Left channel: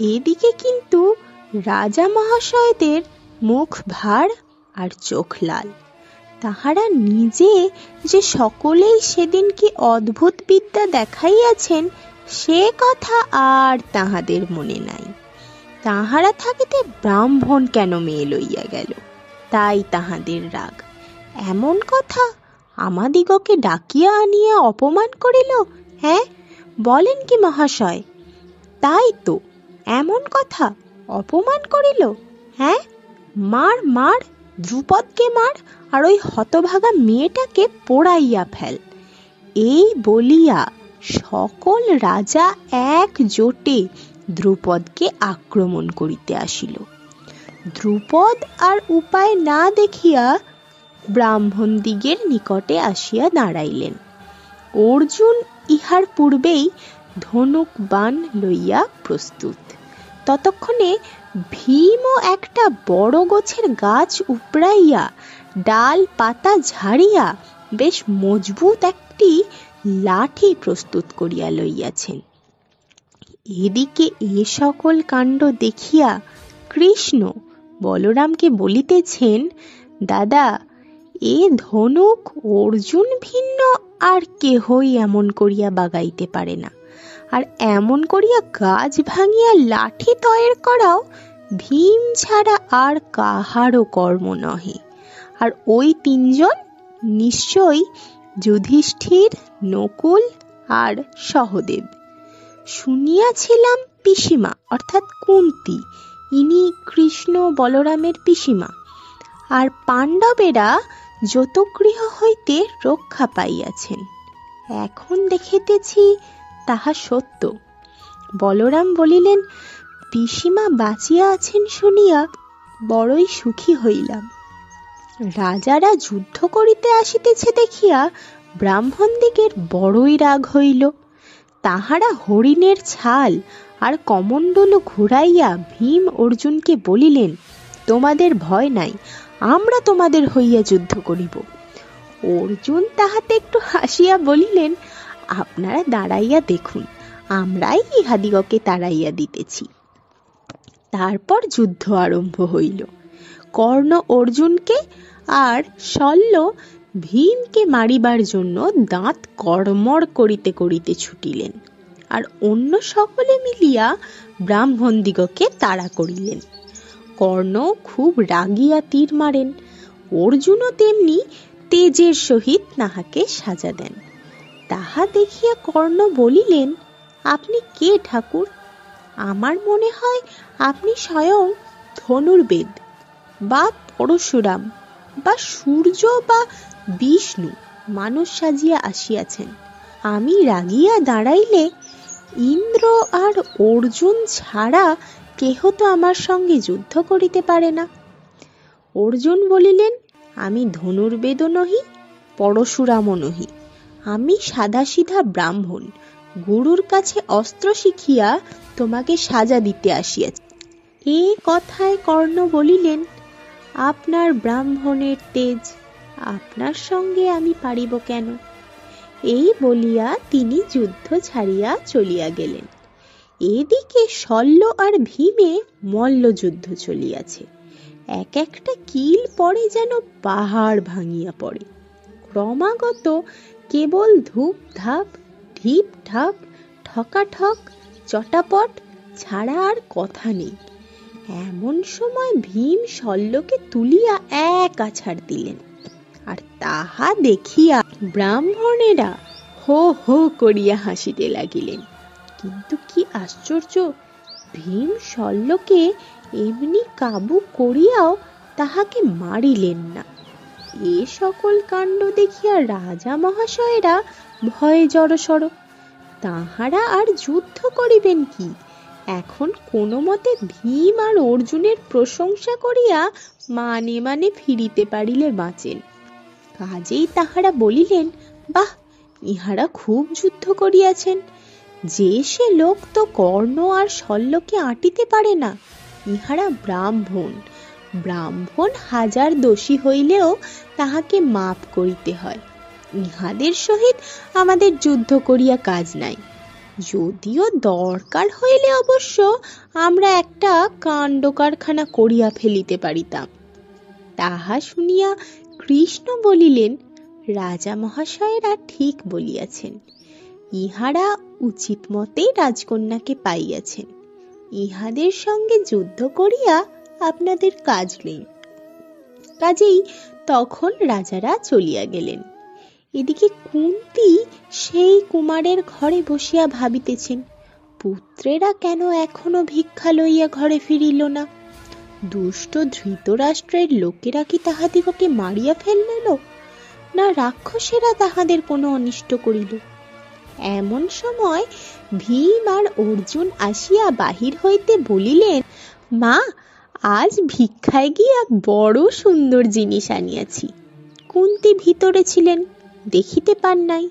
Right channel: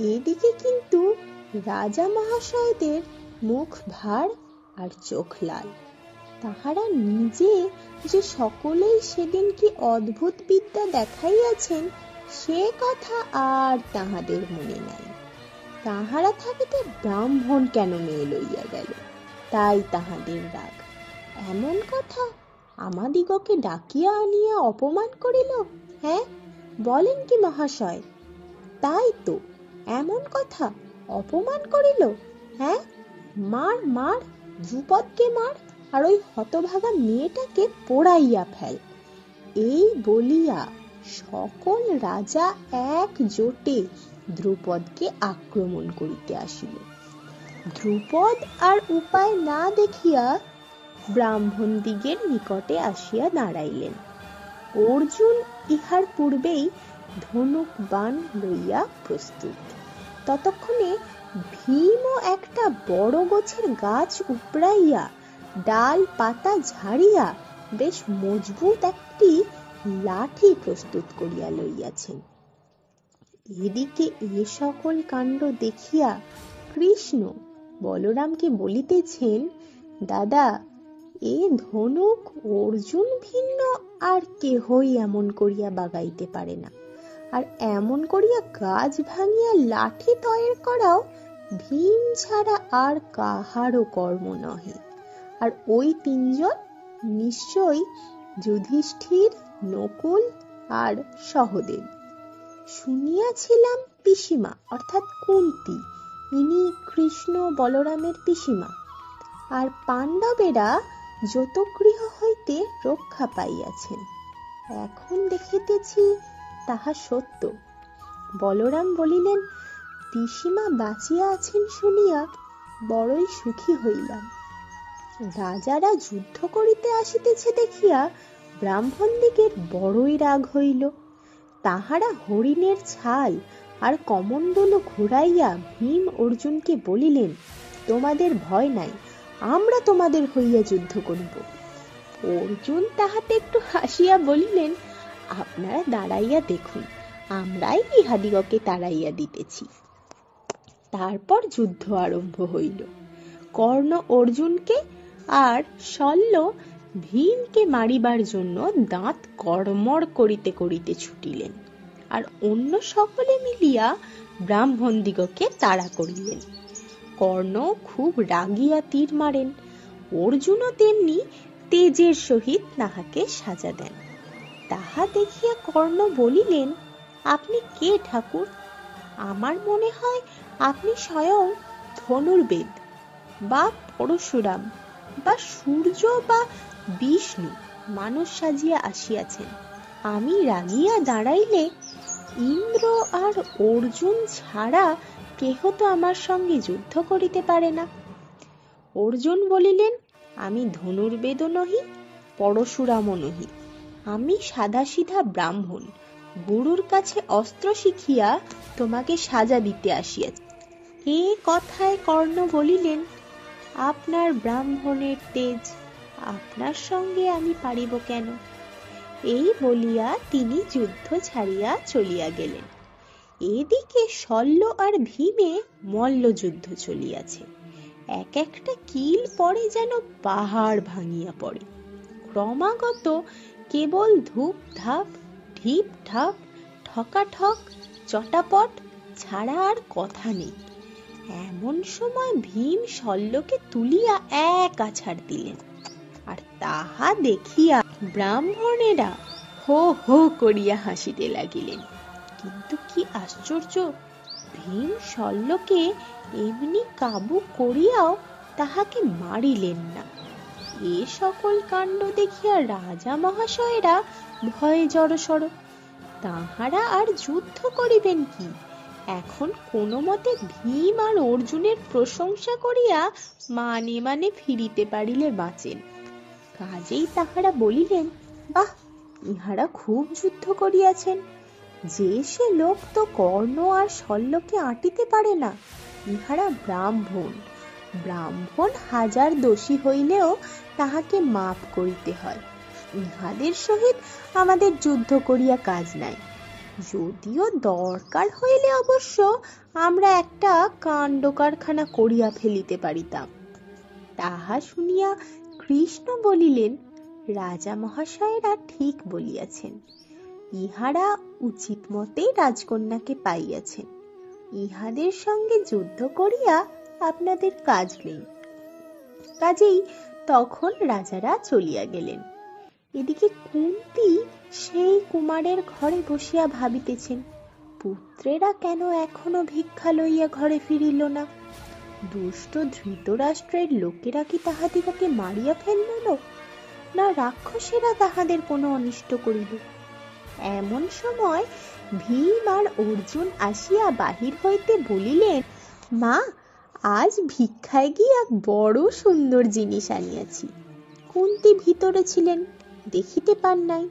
এদিকে কিন্তু রাজা মহাশয়দের মুখ ভার আর চোখ লাল। তাহারা নিজে যে সকলেই সেদিন কি অদ্ভুত বিদ্যা দেখাইয়াছেন সে কথা আর তাহাদের মনে নাই। তাহারা থাকিতে ব্রাহ্মণ কেন মেয়ে লইয়া গেল, তাই তাহাদের রাগ। এমন কথা আমাদিগকে ডাকিয়া আনিয়া অপমান করিল। হ্যাঁ, বলেন কি মহাশয়? তাই তো, এমন কথা অপমান করিল। হ্যাঁ, মার মার, দ্রুপদকে মার, আর ওই হতভাগা মেয়েটাকে পোড়াইয়া ফেল। এই বলিয়া সকল রাজা একজোটে দ্রুপদকে আক্রমণ করিতে আসিল। দ্রুপদ আর উপায় না দেখিয়া ব্রাহ্মণদিগের নিকটে আসিয়া দাঁড়াইলেন। অর্জুন ইহার পূর্বেই ধনুক বাণ লইয়া প্রস্তুত। ততক্ষণে ভীমও একটা বড় গোছের গাছ উপড়াইয়া ডাল পাতা ঝাড়িয়া বেশ মজবুত একটি লাঠি প্রস্তুত করিয়া লইয়াছেন। এদিকে এ সকল কাণ্ড দেখিয়া কৃষ্ণ বলরামকে বলিতেছেন, দাদা, এ ধনুক অর্জুন ভিন্ন আর কেহই এমন করিয়া বাগাইতে পারে না। আর এমন করিয়া গাছ ভাঙিয়া লাঠি তৈরি করাও ভীম ছাড়া আর কাহারও কর্ম নহে। আর ওই তিনজন নিশ্চয়ই যুধিষ্ঠির, নকুল আর সহদেব। শুনিয়াছিলাম পিসিমা অর্থাৎ কুন্তি, ইনি কৃষ্ণ বলরামের পিসিমা। আর পাণ্ডবেরা যতগৃহ হইতে রক্ষা পাইয়াছেন। এখন দেখিতেছি তাহা সত্য। বলরাম বলিলেন, পিসিমা বাঁচিয়া আছেন শুনিয়া বড়ই সুখী হইলাম। রাজারা যুদ্ধ করিতে আসিতেছে দেখিয়া ব্রাহ্মণদিগের বড়ই রাগ হইল। তাহারা হরিণের ছাল আর কমণ্ডলু ঘুরাইয়া ভীম অর্জুনকে বলিলেন, তোমাদের ভয় নাই, আমরা তোমাদের হইয়া যুদ্ধ করিব। অর্জুন তাহাতে একটু হাসিয়া বলিলেন, আপনারা দাঁড়াইয়া দেখুন, আমরাই ইহাদিগকে তাড়াইয়া দিতেছি। তারপর যুদ্ধ আরম্ভ হইল। কর্ণ অর্জুনকে আর শল্য ভীমকে মারিবার জন্য দাঁত কড়মড় করিতে করিতে ছুটিলেন। আর অন্য সকলে মিলিয়া ব্রাহ্মণদিগকে তাড়া করিলেন। কর্ণ খুব রাগিয়া তীর মারেন, অর্জুনও তেমনি তেজের সহিত তাহাকে সাজা দেন। তাহা দেখিয়া কর্ণ বলিলেন, আপনি কে ঠাকুর? আমার মনে হয় আপনি স্বয়ং ধনুর্বেদ বা পরশুরাম বা সূর্য বা বিষ্ণু মানুষ সাজিয়া আসিয়াছেন। আমি রাগিয়া দাঁড়াইলে ইন্দ্র আর অর্জুন ছাড়া কেহ তো আমার সঙ্গে যুদ্ধ করিতে পারে না। অর্জুন বলিলেন, আমি ধনুর্বেদও নহি, পরশুরামও নহি, আমি সাদাসিধা ব্রাহ্মণ, গুরুর কাছে অস্ত্র শিখিয়া তোমাকে সাজা দিতে আসিয়াছি। এ কথায় কর্ণ বলিলেন, আপনার ব্রাহ্মণের তেজ, আপনার সঙ্গে আমি পারিব কেন? এই বলিয়া তিনি যুদ্ধ ছাড়িয়া চলিয়া গেলেন। এদিকে শল্য আর ভীমে মল্লযুদ্ধ চলিয়াছে। এক একটা কিল পড়ে যেন পাহাড় ভাঙিয়া পড়ে। ক্রমাগত কেবল ধূপ ধাপ, ঢিপ ঢাপ, ঠকাঠক, চটাপট ছাড়া আর কথা নেই। এমন সময় ভীম শল্যকে তুলিয়া এক আছাড় দিলেন। আর তাহা দেখিয়া ব্রাহ্মণেরা হো হো করিয়া হাসিতে লাগিলেন। কিন্তু কি আশ্চর্য, ভীম শল্যকে এমনি কাবু করিয়াও তাহাকে মারিলেন না। এ সকল কাণ্ড দেখিয়া রাজা মহাশয়েরা ভয়ে জড়সড়। তাহারা আর যুদ্ধ করিবেন কি? এখন কোনো মতে ভীম আর অর্জুনের প্রশংসা করিয়া মানে মানে ফিরিতে পারিলে বাঁচেন। কাজেই তাহারা বলিলেন, বাহ, ইহারা খুব যুদ্ধ করিয়াছেন। যে সে লোক তো কর্ণ আর শল্যকে আঁটিতে পারে না। ইহারা ব্রাহ্মণ, ব্রাহ্মণ হাজার দোষী হইলেও তাহাকে মাপ করিতে হয়। ইহাদের সহিত আমাদের যুদ্ধ করিয়া কাজ নাই। যদিও দরকার হইলে অবশ্য আমরা একটা কাণ্ড কারখানা করিয়া ফেলিতে পারিতাম। তাহা শুনিয়া কৃষ্ণ বলিলেন, রাজা মহাশয়েরা ঠিক বলিয়াছেন। ইহারা উচিত মতেই রাজকন্যাকে পাইয়াছেন। ইহাদের সঙ্গে যুদ্ধ করিয়া আপনাদের কাজ নেই। কাজেই তখন রাজারা চলিয়া গেলেন। এদিকে কুন্তী সেই কুমারের ঘরে বসিয়া ভাবিতেছেন, পুত্রেরা কেন এখনো ভিক্ষা লইয়া ঘরে ফিরিল না? দুষ্ট ধৃতরাষ্ট্রের লোকেরা কি তাহাদিগকে মারিয়া ফেলিল, না রাক্ষসেরা তাহাদের কোনো অনিষ্ট করিল? এমন সময় ভীম আর অর্জুন আসিয়া বাহির হইতে বলিলেন, মা, আজ ভিক্ষায় গিয়া বড় সুন্দর জিনিস আনিয়াছি। কুন্তী ভিতরে ছিলেন, দেখিতে পান নাই।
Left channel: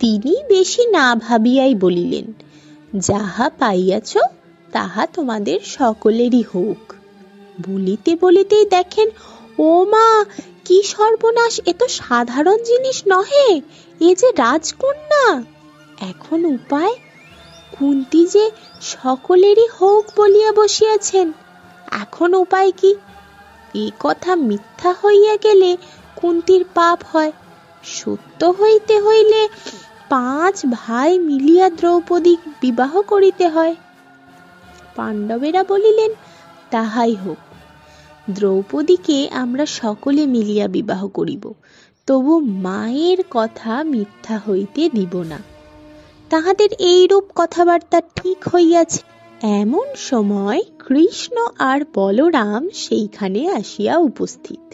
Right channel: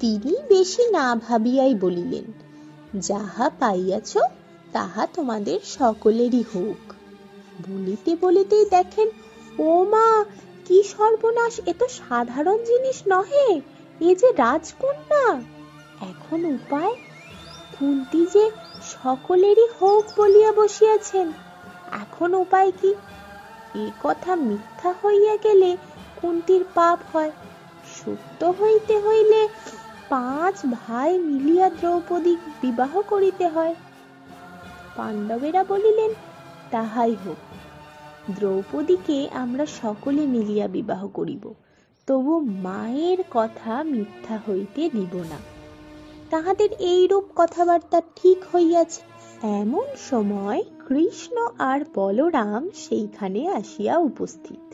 তিনি বেশি না ভাবিয়াই বলিলেন, যাহা পাইয়াছ তাহা তোমাদের সকলেরই হোক। বলিতে বলিতেই দেখেন, ও মা, কি সর্বনাশ! এ তো সাধারণ জিনিস নহে, এ যে রাজকন্যা। এখন উপায়? কুন্তী যে সকলেরই হোক বলিয়া বসিয়াছেন, এখন উপায় কি? এই কথা মিথ্যা হইয়া গেলে কুন্তীর পাপ হয়। সত্য হইতে হইলে 5 ভাই মিলিয়া দ্রৌপদী বিবাহ করিতে হয়। পাণ্ডবেরা বলিলেন, তাহাই হোক, দ্রৌপদীকে আমরা সকলে মিলিয়া বিবাহ করিব, তবু মায়ের কথা মিথ্যা হইতে দিব না। তাহাদের এইরূপ কথাবার্তা ঠিক হইয়াছে। এমন সময় কৃষ্ণ আর বলরাম সেইখানে আসিয়া উপস্থিত।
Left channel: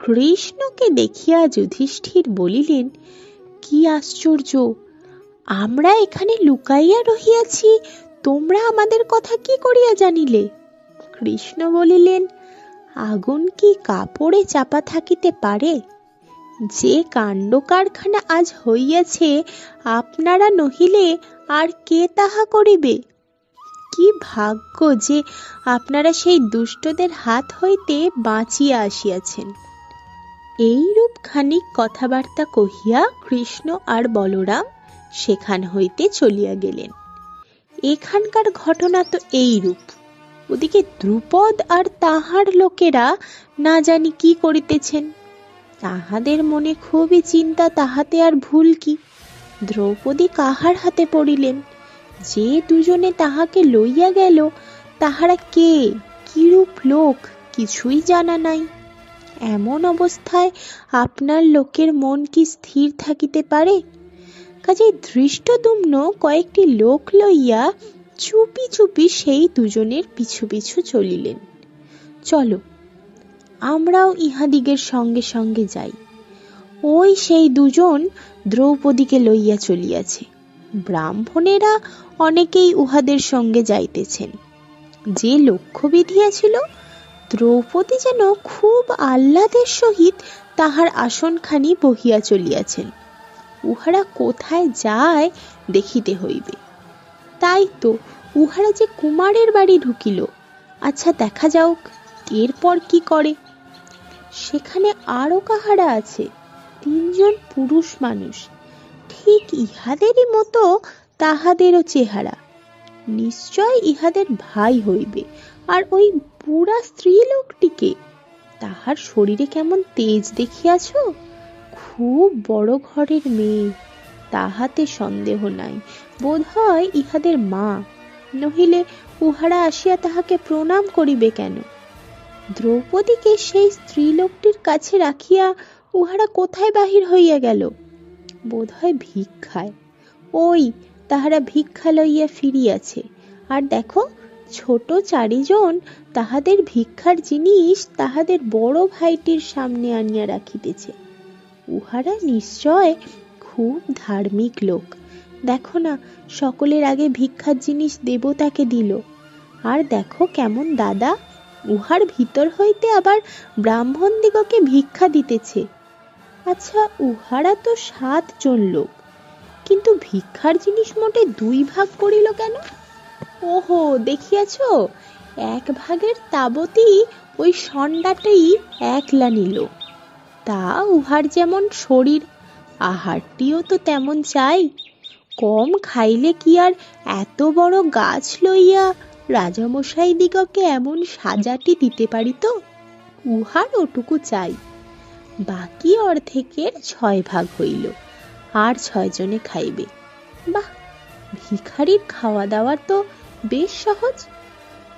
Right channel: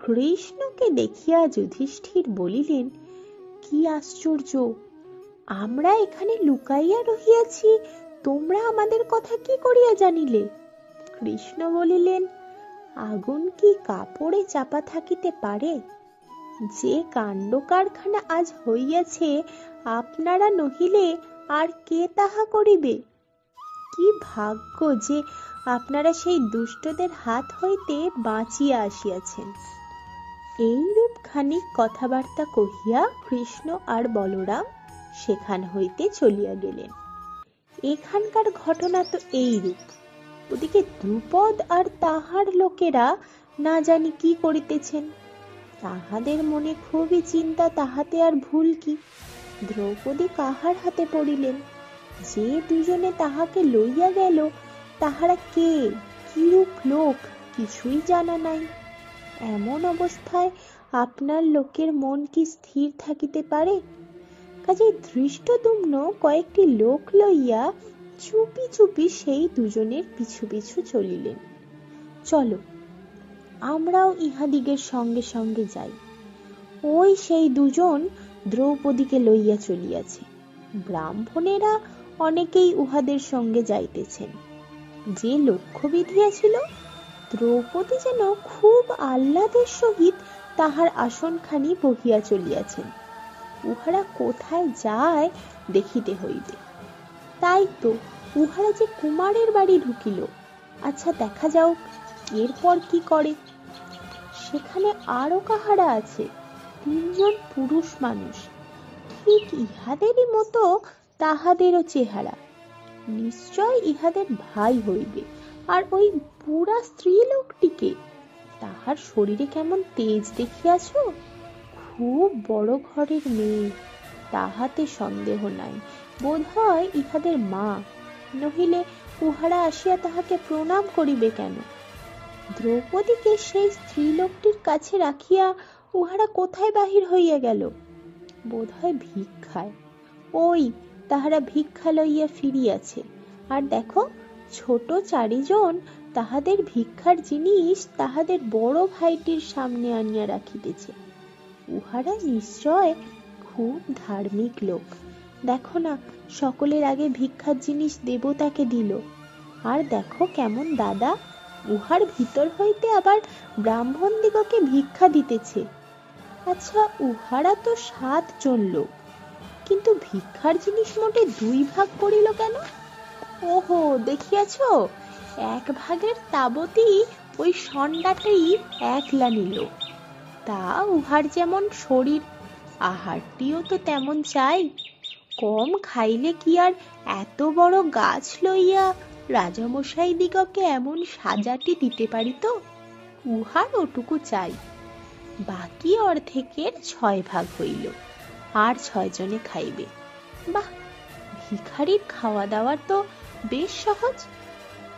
কৃষ্ণকে দেখিয়া যুধিষ্ঠির বলিলেন, কি আশ্চর্য! আমরা এখানে লুকাইয়া রহিয়াছি, তোমরা আমাদের কথা কি করিয়া জানিলে? কৃষ্ণ বলিলেন, আগুন কি কাপড়ে চাপা থাকিতে পারে? যে কাণ্ড কারখানা আজ হইয়াছে, আপনারা নহিলে আর কে তাহা করিবে? কি ভাগ্য যে আপনারা সেই দুষ্টদের হাত হইতে বাঁচিয়া আসিয়াছেন। এইরূপ খানিক কথাবার্তা কহিয়া কৃষ্ণ আর বলরাম সেখান হইতে চলিয়া গেলেন। এখানকার ঘটনা তো এইরূপ। ওদিকে দ্রুপদ আর তাহার লোকেরা না জানি কি করিতেছেন। তাহাদের মনে খুবই চিন্তা, তাহাতে আর ভুল কি? দ্রৌপদী কাহার হাতে পড়িলেন? যে দুজনে তাহাকে লইয়া গেল, তাহারা কে, কিরূপ লোক, কিছুই জানা নাই। এমন অবস্থায় আপনার লোকের মন কি স্থির থাকিতে পারে? কাজেই ধৃষ্টদ্যুম্ন কয়েকটি লোক লইয়া চুপি চুপি সেই দুজনের পিছু পিছু চলিলেন। চলো, আমরাও ইহাদিগের সঙ্গে সঙ্গে যাই। ওই সেই দুজন দ্রৌপদীকে লইয়া চলিয়াছে। ব্রাহ্মণেরা অনেকেই উহাদের সঙ্গে যাইতেছেন। যে লক্ষ্য বিধিয়াছিল, দ্রৌপদী যেন খুব আহ্লাদের সহিত তাহার আসনখানি বহিয়া চলিয়াছেন। উহারা কোথায় যায় দেখিতে হইবে। তাই তো উহারা যে কুমারের বাড়ি ঢুকিল। আচ্ছা, দেখা যাওক এরপর কি করে। সেখানে আরো কাহারা আছে, 3 জন পুরুষ মানুষ, ঠিক ইহাদেরই মতো তাহাদেরও চেহারা। নিশ্চয় ইহাদের ভাই হইবে। আর ওই বুড়া স্ত্রী লোকটিকে, তাহার শরীরে কেমন তেজ দেখিয়াছ? খুব বড় ঘরের মেয়ে, তাহাতে সন্দেহ নাই। বোধ হয় ইহাদের মা, নহিলে উহারা আসিয়া তাহাকে প্রণাম করিবে কেন? দ্রৌপদীকে সেই স্ত্রীলোকটির কাছে রাখিয়া উহারা কোথায় বাহির হইয়া গেল? বোধ হয় ভিক্ষায়। ওই তাহারা ভিক্ষা লইয়া ফিরিয়াছে। আর দেখো, ছোট 4 জন তাহাদের ভিক্ষার জিনিস তাহাদের বড় ভাইটির সামনে আনিয়া রাখিতেছে। উহারা নিশ্চয় খুব ধার্মিক লোক। দেখো না, সকলের আগে ভিক্ষার জিনিস দেবতাকে দিল। আর দেখো কেমন দাদা, উহার ভিতর হইতে আবার ব্রাহ্মণ দিগকে ভিক্ষা দিতেছে। আচ্ছা, উহারা তো 7 জন লোক, কিন্তু ভিক্ষার জিনিস মোটে 2 ভাগ করিল কেন? ওহো, দেখিয়াছ, 1 ভাগের তাবতই ওই ষণ্ডাটাই একলা নিল। তা উহার যেমন শরীর, আহারটিও তো তেমন চাই। কম খাইলে কি আর এত বড় গাছ লইয়া রাজামশাই দিগকে এমন সাজাটি দিতে পারিত? উহার ওটুকু চাই। বাকি অর্ধেকের 6 ভাগ হইল, আর 6 জনে খাইবে। বাহ, ভিখারির খাওয়া দাওয়া তো বেশ সহজ।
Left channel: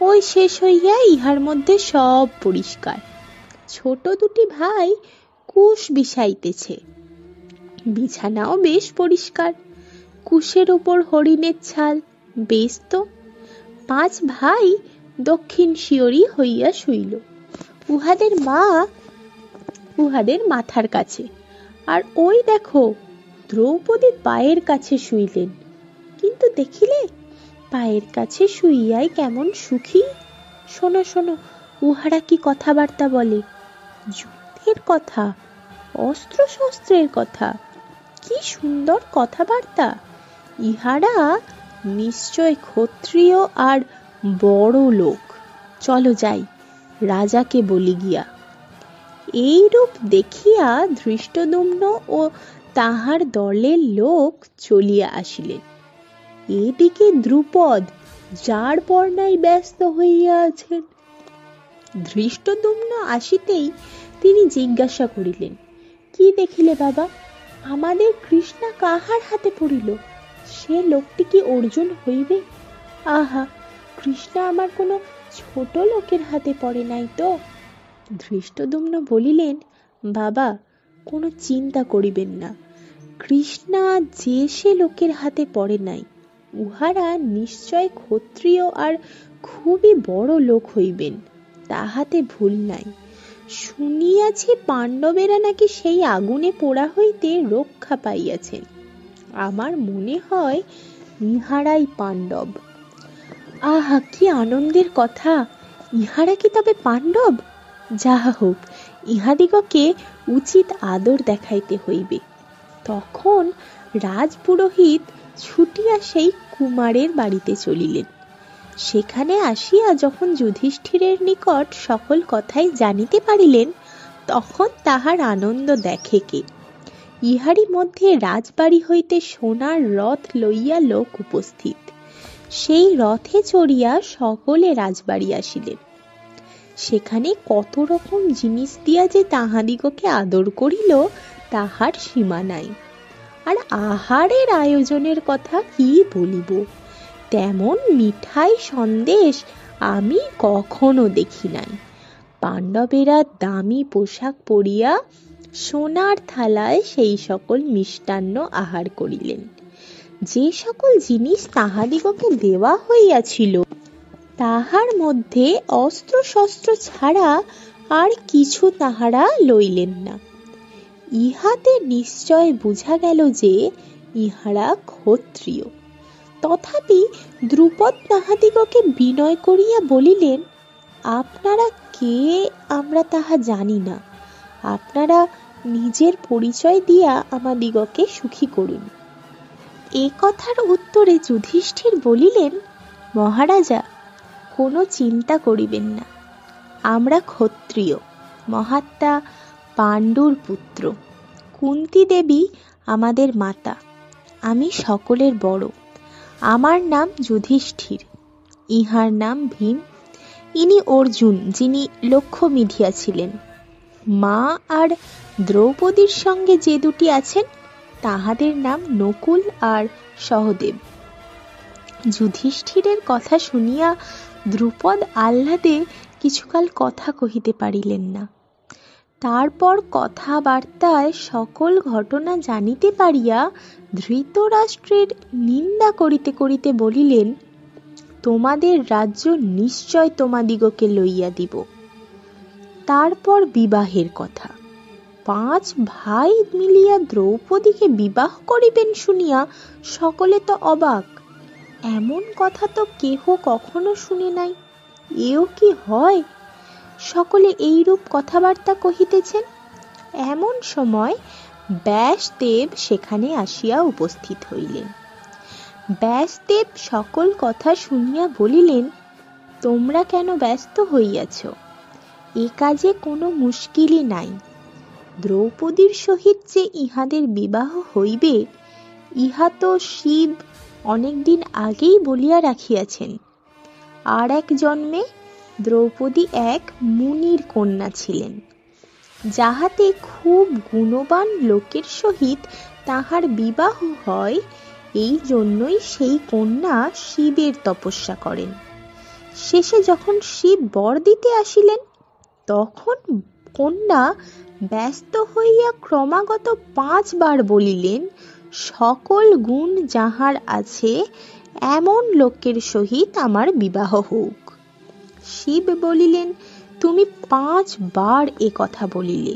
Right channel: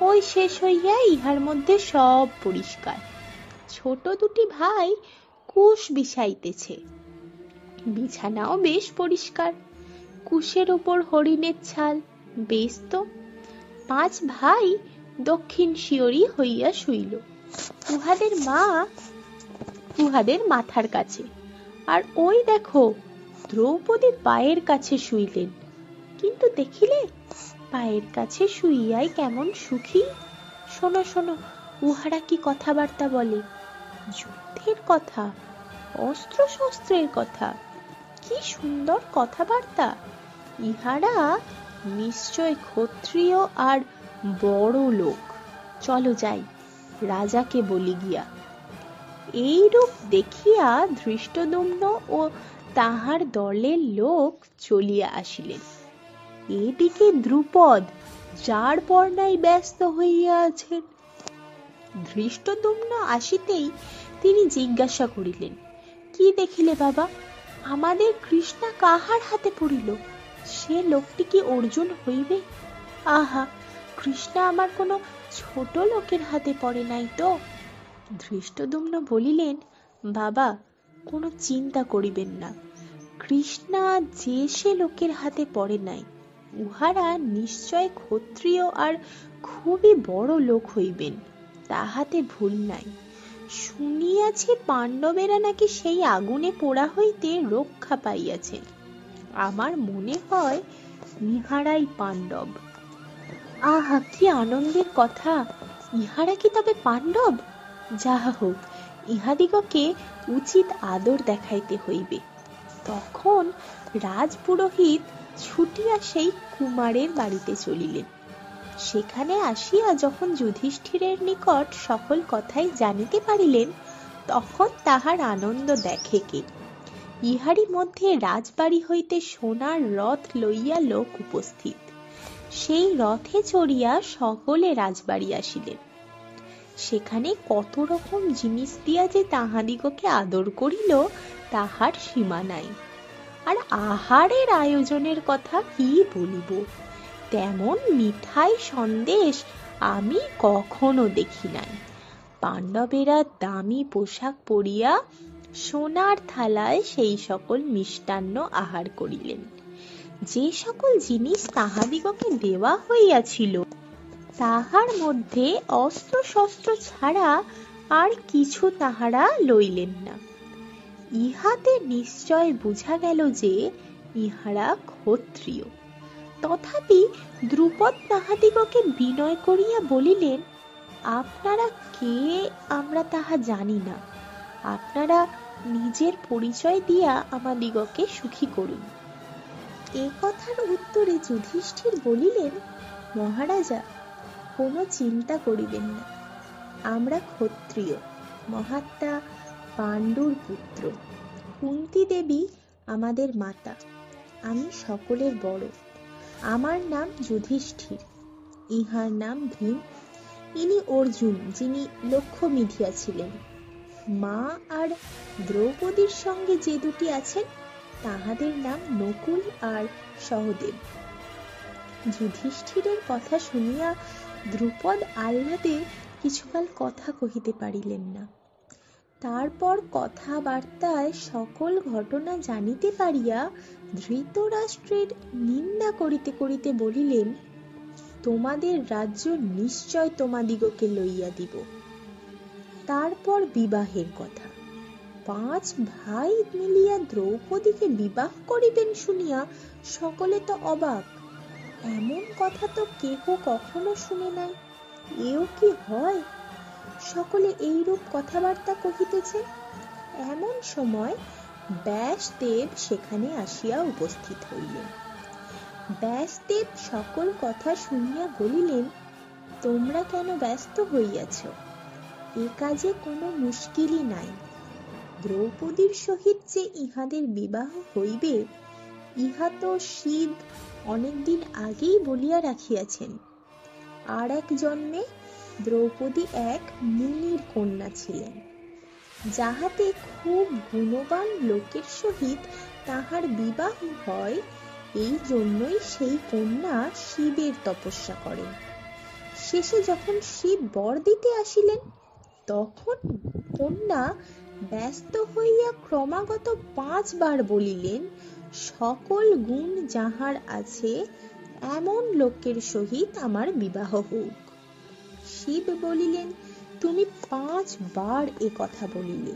ওই শেষ হইয়া ইহার মধ্যে সব পরিষ্কার। ছোট দুটি ভাই কুশ বিছাইতেছে, বিছানাও বেশ পরিষ্কার। কুশের উপর হরিণের ছাল, বেশ তো। 5 ভাই দক্ষিণ শিয়রি হইয়া শুইল, উহাদের মা উহাদের মাথার কাছে। আর ওই দেখো, দ্রৌপদী পায়ের কাছে শুইলেন। কিন্তু দেখিলে পায়ের কাছে শুইয়াই কেমন সুখী। শোনো শোনো, উহারা কি কথাবার্তা বলে। যুদ্ধের কথা, অস্ত্র শস্ত্রের কথা, কি সুন্দর কথাবার্তা। ইহারা নিশ্চয় ক্ষত্রিয় আর বড় লোক। চলো যাই, রাজাকে বলি গিয়া। এইরূপ দেখিয়া ধৃষ্টদ্যুম্ন ও তাহার দলের লোক চলিয়া আসিলেন। এদিকে দ্রুপদ যার পর্নায় ব্যস্ত হইয়া আছেন। ধৃষ্টদ্যুম্ন আসিতেই তিনি জিজ্ঞাসা করিলেন, কি দেখিলে বাবা? আমাদের কৃষ্ণা কাহার হাতে পড়িল? সে লোকটি কি অর্জুন হইবে? আহা, কৃষ্ণা আমার কোনো ছোট লোকের হাতে পড়ে নাই তো। ধৃষ্টদ্যুম্ন বলিলেন, বাবা, কোনো চিন্তা করিবেন না। কৃষ্ণা যে সে লোকের হাতে পড়ে নাই, উহারা নিশ্চয় ক্ষত্রিয় আর খুবই বড় লোক হইবেন, তাহাতে ভুল নাই। শুনিয়াছি পাণ্ডবেরা নাকি সেই আগুনে পোড়া হইতে রক্ষা পাইয়াছেন। আমার মনে হয় ইহারাই পাণ্ডব। আহা, কি আনন্দের কথা! ইহারা কি তবে পাণ্ডব? যাহা হোক, ইহাদিগকে উচিত আদর দেখাইতে হইবে। তখন রাজপুরোহিত ছুটিয়া সেই কুমারের বাড়িতে চলিলেন। সেখানে আসিয়া যখন যুধিষ্ঠিরের নিকট সকল কথাই জানিতে পারিলেন, তখন তাহার আনন্দ দেখে কে। ইহারই মধ্যে রাজবাড়ি হইতে সোনার রথ লইয়া লোক উপস্থিত। সেই রথে চড়িয়া সকলে রাজবাড়ি আসিলেন। সেখানে কত রকম জিনিস দিয়া যে তাহাদিগকে আদর করিল, তাহার সীমা নাই। আর আহারের আয়োজনের কথা কি বলিব, তেমন মিঠাই সন্দেশ আমি কখনো দেখি নাই। পাণ্ডবেরা দামি পোশাক পরিয়া সোনার থালায় সেই সকল মিষ্টান্ন আহার করিলেন। যে সকল জিনিস তাহাদিগকে দেওয়া হইয়াছিল, তাহার মধ্যে অস্ত্র শস্ত্র ছাড়া আর কিছু তাহারা লইলেন না। ইহাতে নিশ্চয় বুঝা গেল যে ইহারা ক্ষত্রিয়। তথাপি দ্রুপদ তাহাদিগকে বিনয় করিয়া বলিলেন, আপনারা কে আমরা তাহা জানি না। আপনারা নিজের পরিচয় দিয়া আমাদিগকে সুখী করুন। এ কথার উত্তরে যুধিষ্ঠির বলিলেন, মহারাজা, কোনো চিন্তা করিবেন না। আমরা ক্ষত্রিয়, মহাত্মা পাণ্ডুর পুত্র। কুন্তী দেবী আমাদের মাতা। আমি সকলের বড়। আমার নাম যুধিষ্ঠির, ইহার নাম ভীম। ইনি অর্জুন, যিনি লক্ষ্য মিধিয়াছিলেন। মা আর দ্রৌপদীর সঙ্গে যে দুটি আছেন, তাহাদের নাম নকুল আর সহদেব। যুধিষ্ঠিরের কথা শুনিয়া দ্রুপদ আহ্লাদে কিছুকাল কথা কহিতে পারিলেন না। তারপর কথাবার্তায় সকল ঘটনা জানিতে পারিয়া ধৃতরাষ্ট্রের নিন্দা করিতে করিতে বলিলেন, তোমাদের রাজ্য নিশ্চয় তোমাদিগকে লইয়া দিব। তারপর বিবাহের কথা। 5 ভাই মিলিয়া দ্রৌপদীকে বিবাহ করিবেন শুনিয়া সকলে তো অবাক। এমন কথা তো কেহ কখনো শুনে নাই। এও কি হয়? সকলে এইরূপ কথাবার্তা কহিতেছেন। এমন সময় ব্যাসদেব সেখানে আসিয়া উপস্থিত হইলেন। ব্যাসদেব সকল কথা শুনিয়া বলিলেন, তোমরা কেন ব্যস্ত হইয়াছ? এ কাজে কোনো মুশকিলই নাই। দ্রৌপদীর সহিত যে ইহাদের বিবাহ হইবে, ইহা তো শিব অনেকদিন আগেই বলিয়া রাখিয়াছেন। আর এক জন্মে দ্রৌপদী এক মুনির কন্যা ছিলেন, যাহাতে খুব গুণবান লোকের সহিত তাহার বিবাহ হয়। এই জন্যই সেই কন্যা শিবের তপস্যা করেন। শেষে যখন শিব বর দিতে আসিলেন, তখন কন্যা ব্যস্ত হইয়া ক্রমাগত 5 বার বলিলেন, সকল গুণ যাহার আছে এমন লোকের সহিত আমার বিবাহ হোক। শিব বলিলেন, তুমি 5 বার এ কথা বলিলে,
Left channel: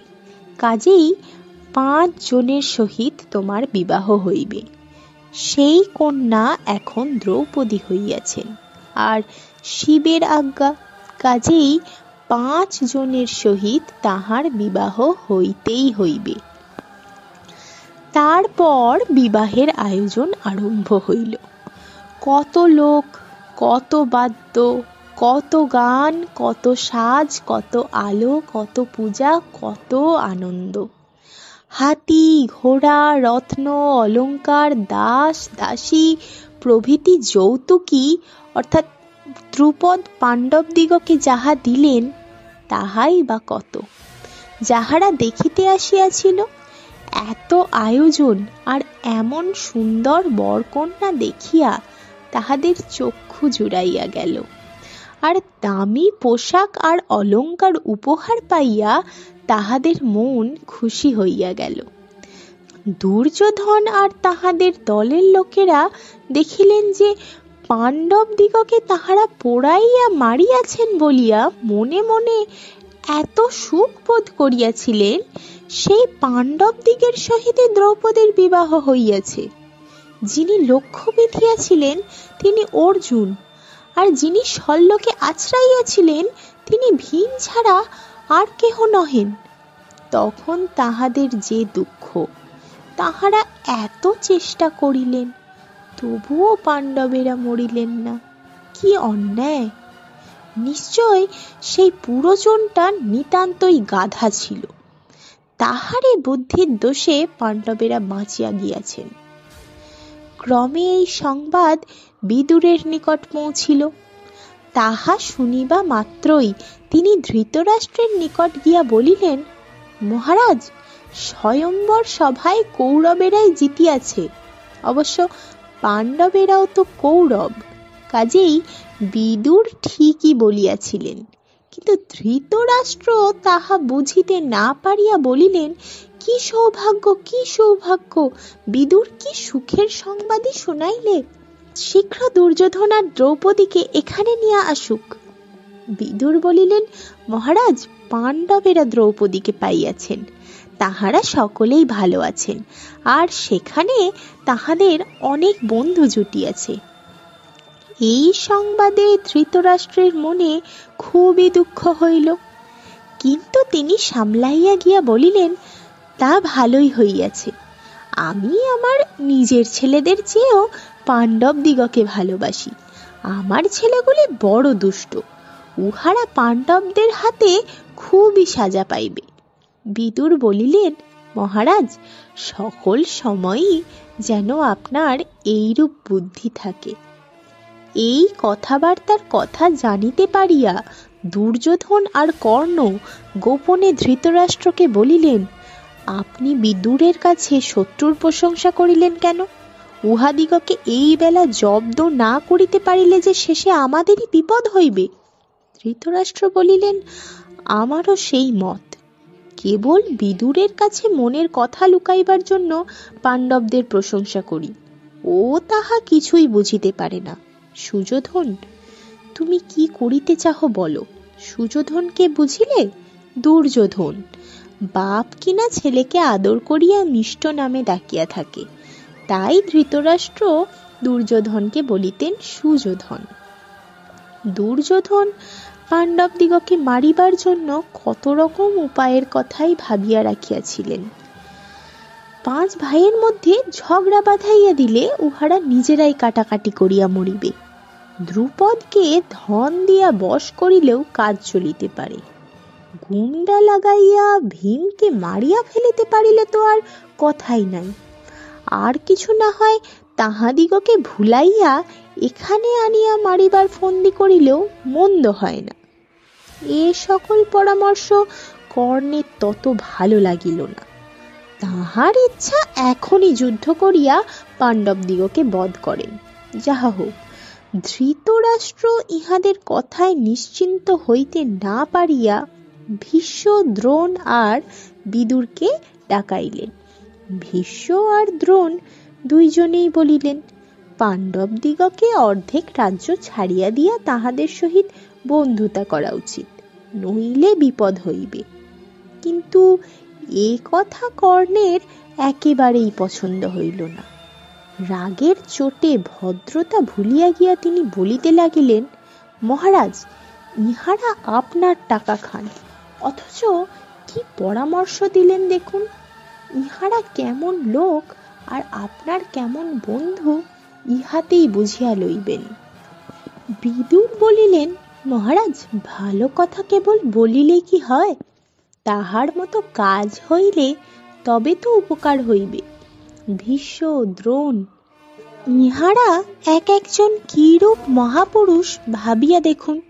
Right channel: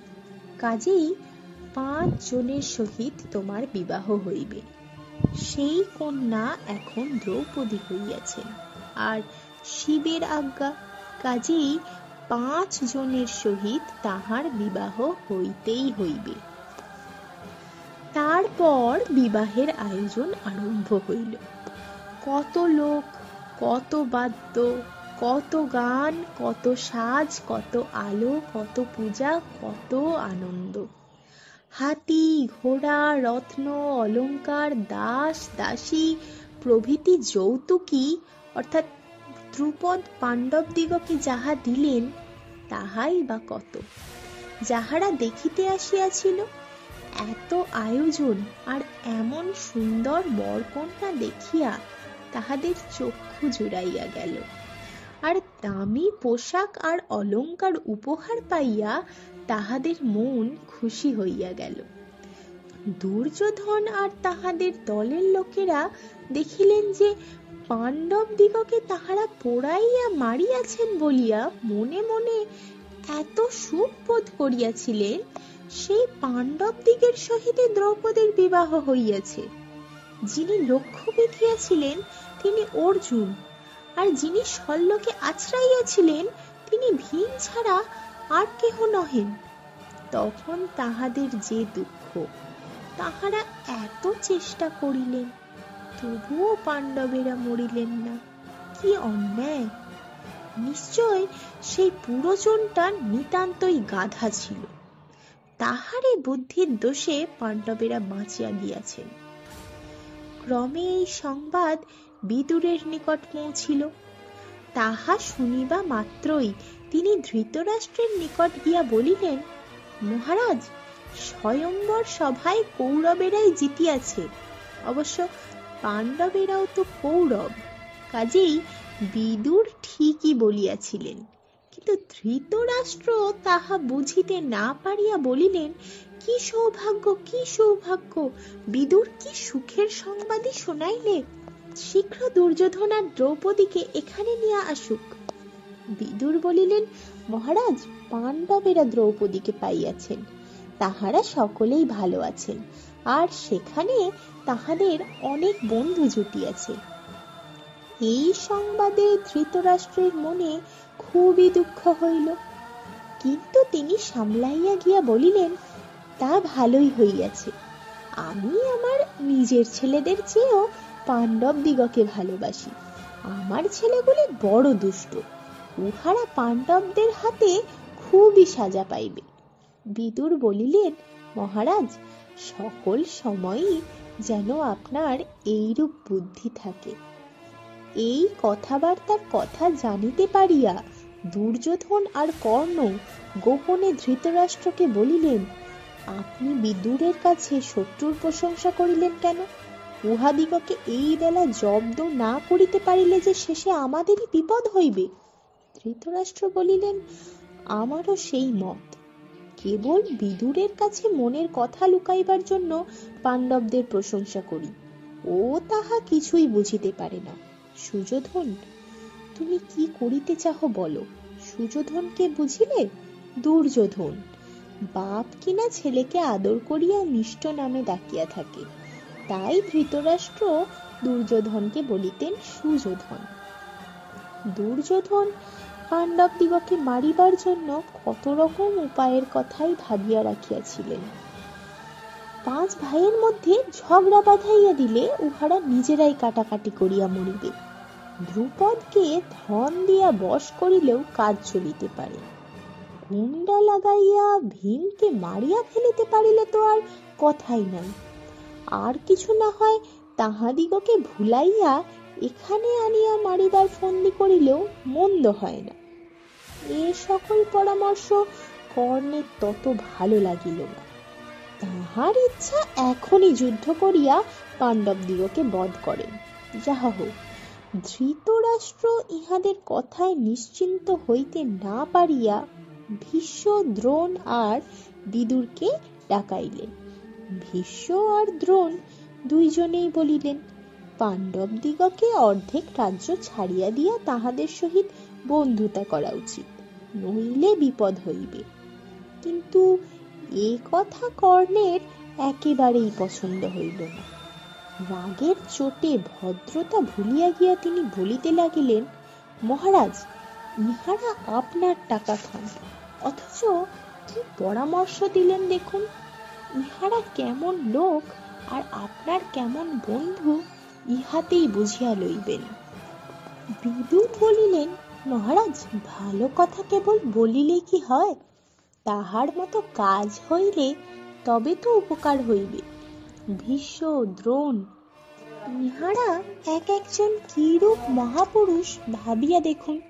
কাজেই 5 জনের সহিত তোমার বিবাহ হইবে। সেই কন্যা এখন দ্রৌপদী হইয়াছেন, আর শিবের আজ্ঞা, কাজেই 5 জনের সহিত তাহার বিবাহ হইতেই হইবে। তারপর বিবাহের আয়োজন আরম্ভ হইল। কত লোক, কত বাদ্য, কত গান, কত সাজ, কত আলো, কত পূজা, কত আনন্দ। হাতি, ঘোড়া, রত্ন, অলঙ্কার, দাস দাসী প্রভৃতি যৌতুকী অর্থাৎ দ্রুপদ পাণ্ডবদিগকে যাহা দিলেন, তাহাই বা কত। যাহারা দেখিতে আসিয়াছিল, এত আয়োজন আর এমন সুন্দর বরকন্যা দেখিয়া তাহাদের চক্ষু জুড়াইয়া গেল, আর দামি পোশাক আর অলঙ্কার উপহার পাইয়া তাহাদের মন খুশি হইয়া গেল। দুর্যোধন আর তাহাদের দলের লোকেরা দেখিলেন যে পাণ্ডব দিগকে তাহারা পোড়াইয়া মারিয়াছেন বলিয়া মনে মনে এত সুখ বোধ করিয়াছিলেন, সেই পাণ্ডব দিগের সহিত দ্রৌপদীর বিবাহ হইয়াছে। যিনি লক্ষ্য বিধিয়াছিলেন তিনি অর্জুন, আর যিনি শল্যকে আছড়াইয়াছিলেন তিনি ভীম ছাড়া আর কেহ নহেন। তখন তাহাদের যে দুঃখ, তাহারা এত চেষ্টা করিলেন, তবুও পাণ্ডবেরা মরিলেন না। কি অন্যায়! নিশ্চয় সেই পুরোজনটা নিতান্তই গাধা ছিল। তাহারই বুদ্ধির দোষে পাণ্ডবেরা বাঁচিয়া গিয়াছেন। ক্রমে এই সংবাদ বিদুরের নিকট পৌঁছিল। তাহা শুনিবা মাত্রই তিনি ধৃতরাষ্ট্রের নিকট গিয়া বলিলেন, মহারাজ, স্বয়ম্বর সভায় কৌরবেরাই জিতিয়াছে। অবশ্য পাণ্ডবেরাও তো কৌরব, কাজেই বিদুর ঠিকই বলিয়াছিলেন। কিন্তু ধৃতরাষ্ট্র তাহা বুঝিতে না পারিয়া বলিলেন, কি সৌভাগ্য, কি সৌভাগ্য! বিদুর কি সুখের সংবাদই শোনাইলে! শীঘ্র দুর্যোধন আর দ্রৌপদীকে এখানে নিয়ে আসুক। বিদুর বলিলেন, মহারাজ, পাণ্ডবেরা দ্রৌপদীকে পাইয়াছেন, তাহারা সকলেই ভালো আছেন, আর সেখানে তাহাদের অনেক বন্ধু জুটিয়াছে। এই সংবাদে ধৃতরাষ্ট্রের মনে খুবই দুঃখ হইল, কিন্তু তিনি সামলাইয়া গিয়া বলিলেন, তা ভালোই হইয়াছে। আমি আমার নিজের ছেলেদের চেয়েও পাণ্ডব দিগকে ভালোবাসি। আমার ছেলেগুলি বড় দুষ্ট, উহারা পাণ্ডবদের হাতে খুবই সাজা পাইবে। বিদুর বলিলেন, মহারাজ, সকল সময়ই যেন আপনার এইরূপ বুদ্ধি থাকে। এই কথাবার্তার কথা জানিতে পারিয়া দুর্যোধন আর কর্ণ গোপনে ধৃতরাষ্ট্রকে বলিলেন, আপনি বিদুরের কাছে শত্রুর প্রশংসা করিলেন কেন? উহাদিগকে এই বেলা জব্দ না করিতে পারিলে যে শেষে আমাদেরই বিপদ হইবে। ধৃতরাষ্ট্র বলিলেন, আমারও সেই মত। কেবল বিদুরের কাছে মনের কথা লুকাইবার জন্য পাণ্ডবদের প্রশংসা করি। ও তাহা কিছুই বুঝিতে পারে না। সুযোধন, তুমি কি করিতে চাহ বলো? সুযোধনকে বুঝিলে? দুর্যোধন, বাপ কিনা ছেলেকে আদর করিয়া মিষ্ট নামে ডাকিয়া থাকে, তাই ধৃতরাষ্ট্র দুর্যোধনকে বলিতেন সুযোধন। দুর্যোধন পাণ্ডবদিগকে মারিবার জন্য কত রকম উপায়ের কথাই ভাবিয়া রাখিয়াছিলেন। 5 ভাইয়ের মধ্যে ঝগড়া বাঁধাইয়া দিলে উহারা নিজেরাই কাটাকাটি করিয়া মরিবে। দ্রুপদকে ধন দিয়া বশ করিলেও কাজ চলিতে পারে। গুন্ডা লাগাইয়া ভীমকে মারিয়া ফেলিতে পারিলে তো আর কথাই নাই। আর কিছু না হয় তাহাদিগকে ভুলাইয়া এখানে আনিয়া মারিবার ফন্দি করিলেও মন্দ হয় না। এ সকল পরামর্শ কর্ণের তত ভালো লাগিল না। তাহার ইচ্ছা এখনই যুদ্ধ করিয়া পাণ্ডবদিগকে বধ করেন। যাহা হোক, ধৃতরাষ্ট্র ইহাদের কথায় নিশ্চিন্ত হইতে না পারিয়া ভীষ্ম, দ্রোণ আর বিদুরকে ডাকাইলেন। ভীষ্ম আর দ্রোণ দুইজনেই বলিলেন, পাণ্ডবদিগকে অর্ধেক রাজ্য ছাড়িয়া দিয়া তাহাদের সহিত বন্ধুতা করা উচিত, নইলে বিপদ হইবে। কিন্তু এ কথা কর্ণের একেবারেই পছন্দ হইল না। রাগের চোটে ভদ্রতা ভুলিয়া গিয়া তিনি বলিতে লাগিলেন, মহারাজ, ইহারা আপনার টাকা খান, অথচ কি পরামর্শ দিলেন দেখুন। ইহারা কেমন লোক আর আপনার কেমন বন্ধু ইহাতেই বুঝিয়া লইবেন। বিদুর বলিলেন, মহারাজ, ভালো কথা কেবল বলিলে কি হয়? তাহার মতো কাজ হইলে তবে তো উপকার হইবে। ভীষ্ম, দ্রোণ, ইহারা এক একজন কিরূপ মহাপুরুষ ভাবিয়া দেখুন।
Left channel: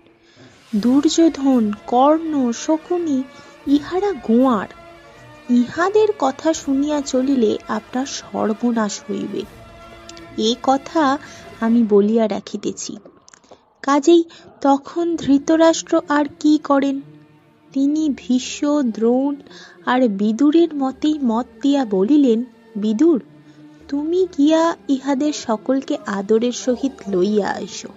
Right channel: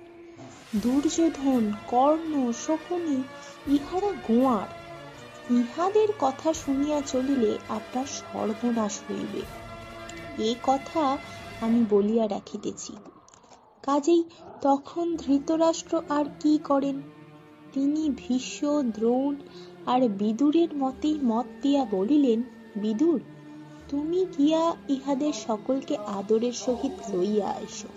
দুর্যোধন, কর্ণ, শকুনি, ইহারা গোয়ার। ইহাদের কথা শুনিয়া চলিলে আপনার সর্বনাশ হইবে। এ কথা আমি বলিয়া রাখিতেছি। কাজেই তখন ধৃতরাষ্ট্র আর কি করেন? তিনি ভীষ্ম, দ্রোণ আর বিদুরের মতেই মত দিয়া বলিলেন, বিদুর, তুমি গিয়া ইহাদের সকলকে আদরের সহিত লইয়া আইসো।